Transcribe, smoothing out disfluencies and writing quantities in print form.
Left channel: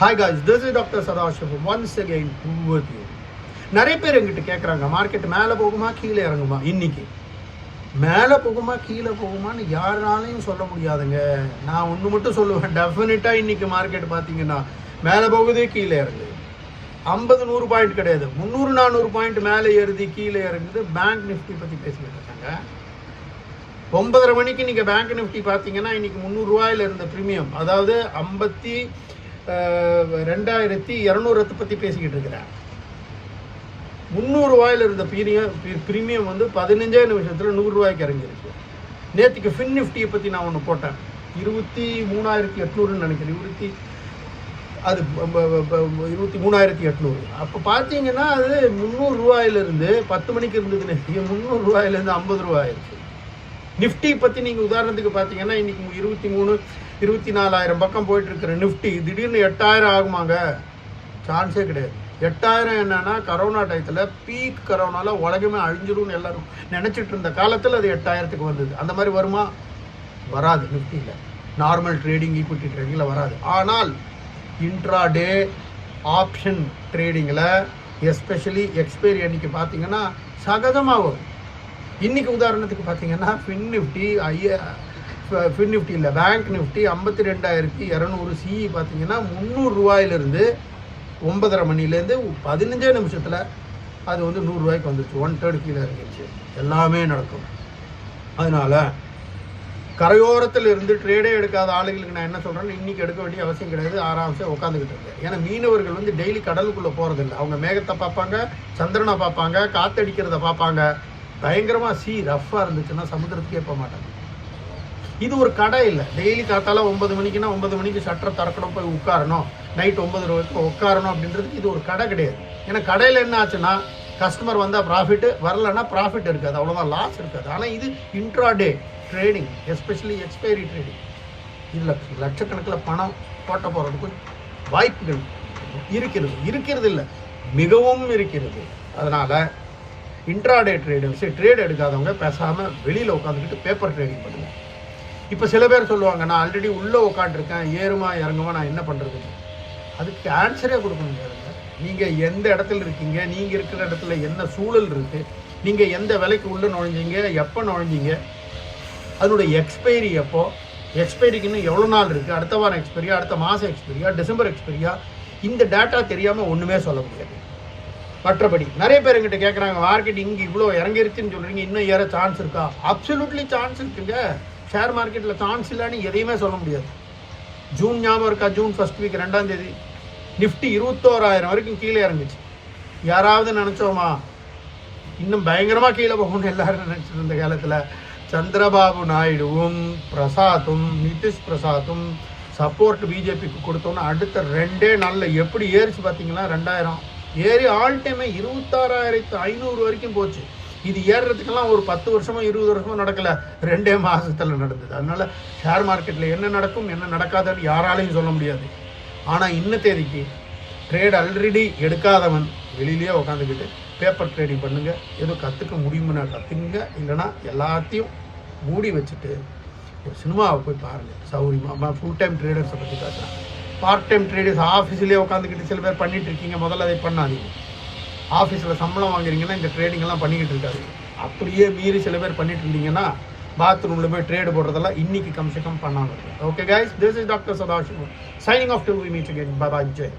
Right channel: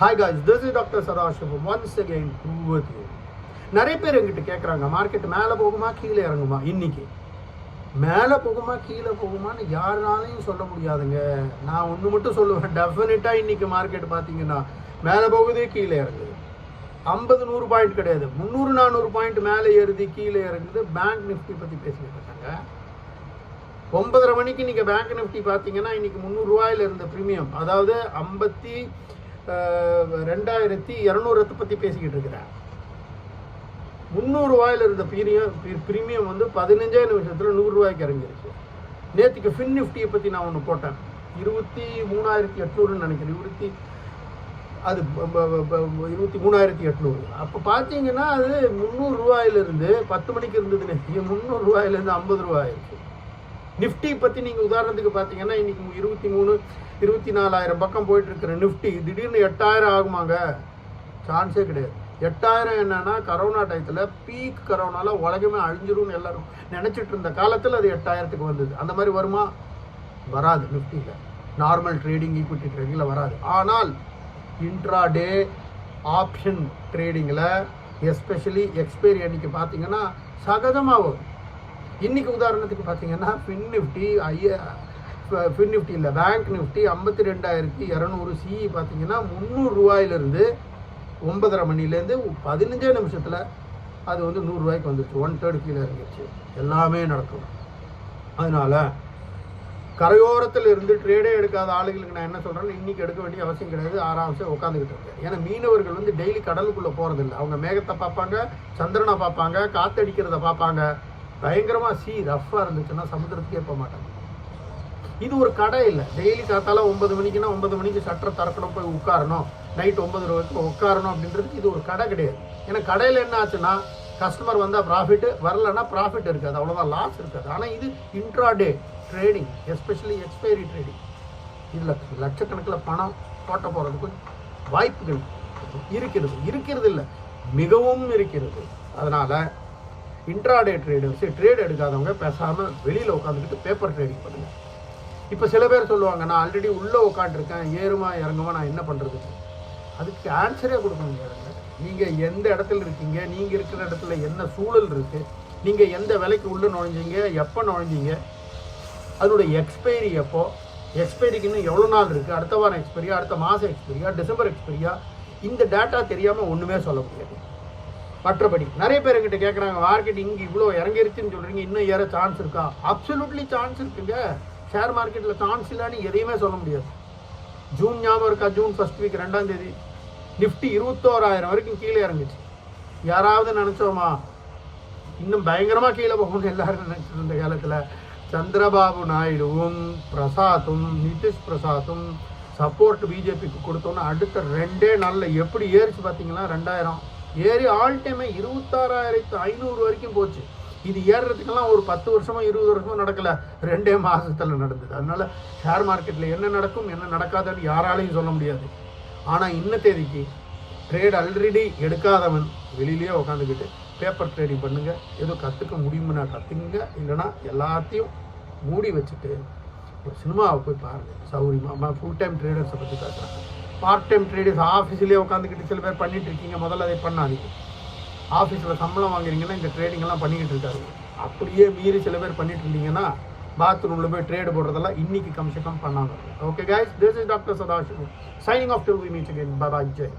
Hi guys, this is doctor Sadasivam once again with you. நிறைய பேர் எங்கிட்ட கேட்குறாங்க, மார்க்கெட் மேலே போகுமா கீழே இறங்குமா? இன்னைக்கு மேலே போகுமா கீழே போகுமான்னு யாராலையும் சொல்ல முடியாதுங்க. நான் ஒன்று மட்டும் சொல்லுவேன், டெஃபினட்டாக இன்னைக்கு மார்க்கெட் பார்த்தீங்கன்னா மேலே போகுது கீழே இறங்குது. 50-100 பாயிண்ட் கிடையாது, 300-400 பாயிண்ட் மேலே ஏறுது கீழே இறங்குது. பேங்க் நிஃப்டி பற்றி பேசிக்கிட்டு இருக்காங்க. 9:30 மணிக்கு நீங்கள் பேங்க் நிஃப்டி பார்த்தீங்கன்னா இன்னைக்கு 300 ரூபாயில் இருந்த ப்ரீமியம், அதாவது 52,200 பற்றி பேசிக்கிட்டு இருக்கிறேன். 300 ரூபாயில் இருந்த ப்ரீமியம் வந்து 15 நிமிஷத்தில் 100 ரூபாய்க்கு இறங்கிருச்சு. நேற்றுக்கு ஃபின் நிஃப்டியை பற்றி நான் ஒன்று போட்டேன், 23,800 நினைக்கிறேன். அது 23,800. அப்போ பார்த்தீங்கன்னா அது 300 ரூபாயிலிருந்து 10 மணிக்கு இருந்தது நேற்று 300 ரூபாயிலேருந்து 50 ரூபாயிருச்சு. நிஃப்டி பற்றி நீங்கள் உதாரணத்துக்கு பார்த்தீங்கன்னா இன்றைக்கி 23,24,000 பக்கம் போயிட்டு இருக்கிற நிஃப்டி திடீர்னு 8,000 ஆகுமாங்க? சான்ஸே கிடையாது. 8,000 என்னன்னா கரோனா டயத்தில் பீக் கரோனாவில் உலகமே அழிஞ்சிடும்னு எல்லாரும் நினச்சிட்டு இருந்த காலத்தில் அது 8,000க்கு வந்தது. அந்த மாதிரி வருமா? வராது. நிஃப்டியில் நார்மல் ட்ரேடிங் ஈக்விட்டி ட்ரேடிங்கில் வராது. ஆனால் இன்ட்ராடே ஆப்ஷன் ட்ரேடிங்கில் எஸ்பெஷலி எக்ஸ்பைரி அன்றைக்கி பார்த்தீங்கன்னா சகஜமாக வரும். இன்றைக்கி உதாரணத்துக்கு பார்த்தீங்கன்னா ஃபின் நிஃப்டி இல்லை, பேங்க் நிஃப்டி 52,200 சிஇ பார்த்தீங்கன்னா 300 ரூபாயிலிருந்து 9:30 மணிலேருந்து 15 நிமிஷத்தில் அது வந்து 100 ரூபாய்க்கு வந்துருச்சு. 1/3 கீழே இறங்கிடுச்சு. எல்லாமே நடக்கும். அதனால் கரையோரத்தில் இருந்து ட்ரேடே எடுக்காத ஆளுகளுக்கு நான் என்ன சொல்கிறேன்னு, இன்றைக்கி எடுக்க வேண்டிய அவசியம் கிடையாது. ஆராம்சே உட்காந்துக்கிட்டு இருக்கேன். ஏன்னா மீனவர்கள் வந்து டெய்லி கடலுக்குள்ளே போகிறதில்ல. அவங்க மேகத்தை பார்ப்பாங்க, சந்திரனை பார்ப்பாங்க, காற்றடிக்கிறத பார்ப்பாங்க. பயங்கரமாக ரஃப்பாக இருந்துச்சுன்னா சமுத்திரத்துக்கே போக மாட்டாங்க. இது ஒரு கடை இல்லை. டெய்லி காத்தால 9 மணிக்குன்னா 9 மணிக்கு ஷட்டரை திறக்கணும், போய் உட்காரணும், நைட் 9 ரூபாய்க்கு உட்காரணும் அப்படின்றதுக்கு இது ஒரு கடை கிடையாது. ஏன்னா கடையில் என்ன ஆச்சுன்னா கஸ்டமர் வந்தால் ப்ராஃபிட்டு, வரலன்னா ப்ராஃபிட் இருக்காது, அவ்வளோதான், லாஸ் இருக்காது. ஆனால் இது intraday trading, especially expiry trading. இதில் லட்சக்கணக்கில் பணம் போட்ட போகிறதுக்கு வாய்ப்புகள் இருக்கிறது இல்லை, மிகவும் இருக்கிறது. அதனால் இன்ட்ராடே ட்ரேடர்ஸ் ட்ரேட் எடுக்காதவங்க பேசாமல் வெளியில் உட்காந்துக்கிட்டு பேப்பர் ட்ரேடிங் பண்ணுங்கள். இப்போ சில பேர் சொல்லுவாங்க, நான் ஆல்ரெடி உள்ளே உட்காந்துருக்கேன், ஏறுமா இறங்குமா, நான் என்ன பண்ணுறது? அதுக்கு ஆன்சரே கொடுக்க முடியாதுங்க. நீங்கள் எந்த இடத்துல இருக்கீங்க, நீங்கள் இருக்கிற இடத்துல என்ன சூழல் இருக்குது, நீங்கள் எந்த விலைக்கு உள்ளே நுழைஞ்சிங்க, எப்போ நுழைஞ்சிங்க, அதனுடைய எக்ஸ்பைரி எப்போ, எக்ஸ்பைரிக்கு இன்னும் எவ்வளோ நாள் இருக்குது, அடுத்த வாரம் எக்ஸ்பைரியா, அடுத்த மாதம் எக்ஸ்பைரியா, டிசம்பர் எக்ஸ்பைரியா, இந்த டேட்டா தெரியாமல் ஒன்றுமே சொல்ல முடியாது. மற்றபடி நிறைய பேர் எங்கிட்ட கேட்குறாங்க, மார்க்கெட் இங்கே இவ்வளோ இறங்கிருச்சுன்னு சொல்கிறீங்க, இன்னும் ஏற சான்ஸ் இருக்கா? அப்சல்யூட்லி சான்ஸ் இருக்குங்க. ஷேர் மார்க்கெட்டில் சான்ஸ் இல்லைன்னு எதையுமே சொல்ல முடியாது. ஜூன் ஞாபகம் இருக்கா? ஜூன் ஃபர்ஸ்ட் வீக் 2ஆம் தேதி நிஃப்டி 21,000 வரைக்கும் கீழே இறங்குச்சு. யாராவது நினச்சோமா இன்னும் பயங்கரமாக கீழே போகணும்னு எல்லாரும் நினச்சிட்டு இருந்த காலத்தில் சந்திரபாபு நாயுடுவும் பிரசாத்தும் நிதிஷ் பிரசாத்தும் சப்போர்ட் பிஜேபிக்கு கொடுத்தோன்னா அடுத்த 2 நாளில் எப்படி ஏறிச்சு பார்த்தீங்கன்னா 2,000 ஏறி ஆல் டைமே 26,500 வரைக்கும் போச்சு. இது ஏறுறதுக்கெல்லாம் ஒரு 10 வருஷமோ 20 வருஷமோ நடக்கலை, 2 மாதத்தில் நடந்தது. அதனால் ஷேர் மார்க்கெட்டில் என்ன நடக்கும் என்ன நடக்காதுன்னு யாராலையும் சொல்ல முடியாது. ஆனால் இன்ன தேதிக்கு ட்ரேட் ஆல்ரெடி எடுக்காதவன் வெளியிலேயே உட்காந்துக்கிட்டு பேப்பர் ட்ரேடிங் பண்ணுங்கள். எதுவும் கற்றுக்க முடியுமுன்னா கற்றுக்குங்க, இல்லைனா எல்லாத்தையும் மூடி வச்சுட்டு ஒரு சினிமாவை போய் பாருங்கள். சௌரியமாக ஃபுல் டைம் ட்ரேடர்ஸை பற்றி பேசுகிறேன். பார்ட் டைம் ட்ரேடர்ஸ் ஆஃபீஸ்லேயே உட்காந்துக்கிட்டு சில பேர் பண்ணிகிட்டு இருக்கீங்க. முதல்ல அதை பண்ணாதீங்க. ஆஃபீஸில் சம்பளம் வாங்குறீங்கன்னா இந்த ட்ரேடிங்கெல்லாம் பண்ணிக்கிட்டு இருக்காது. அப்படியே மீறி சில பேர் பண்ணிட்டு இருந்தீங்கன்னா பாத்ரூமில் போய் ட்ரேடு போடுறதெல்லாம் இன்னைக்கு கம்சே கம் பண்ணாமல். Okay guys, this is doctor Sadasivam signing off till we meet again. Bye bye. Jai.